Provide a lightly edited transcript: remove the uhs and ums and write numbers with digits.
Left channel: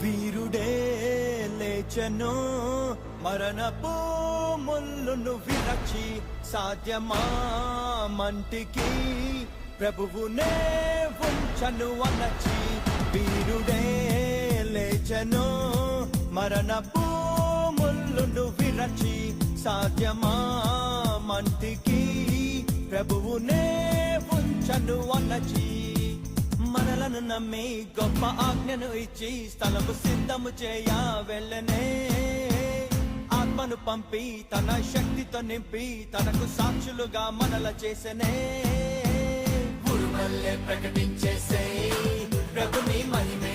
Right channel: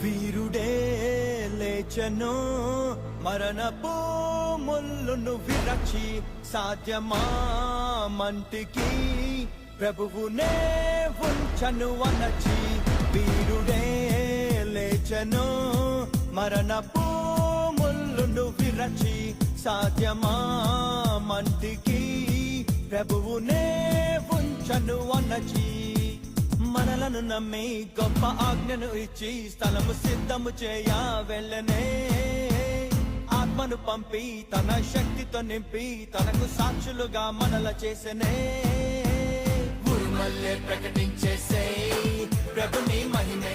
వీరుడే లేచను మరణపు ముళ్ళును విరచి సాధ్యమా మంటికి ప్రభువునే ఉంచను అనచి వీరుడే లేచను మరణపు ముళ్ళును విరచి సాధ్యమా మంటికి ప్రభువునే ఉంచను అనచి మనలను నమ్మి గొప్ప ఆజ్ఞను ఇచ్చి స్థలము సిద్ధము చేయ వెళ్ళనే ఆత్మను పంపి తన శక్తితో నింపి తనకు సాక్షులుగా మనల చేసనే ఉరుమల్లే ప్రకటించేసే ప్రభుని మహిమే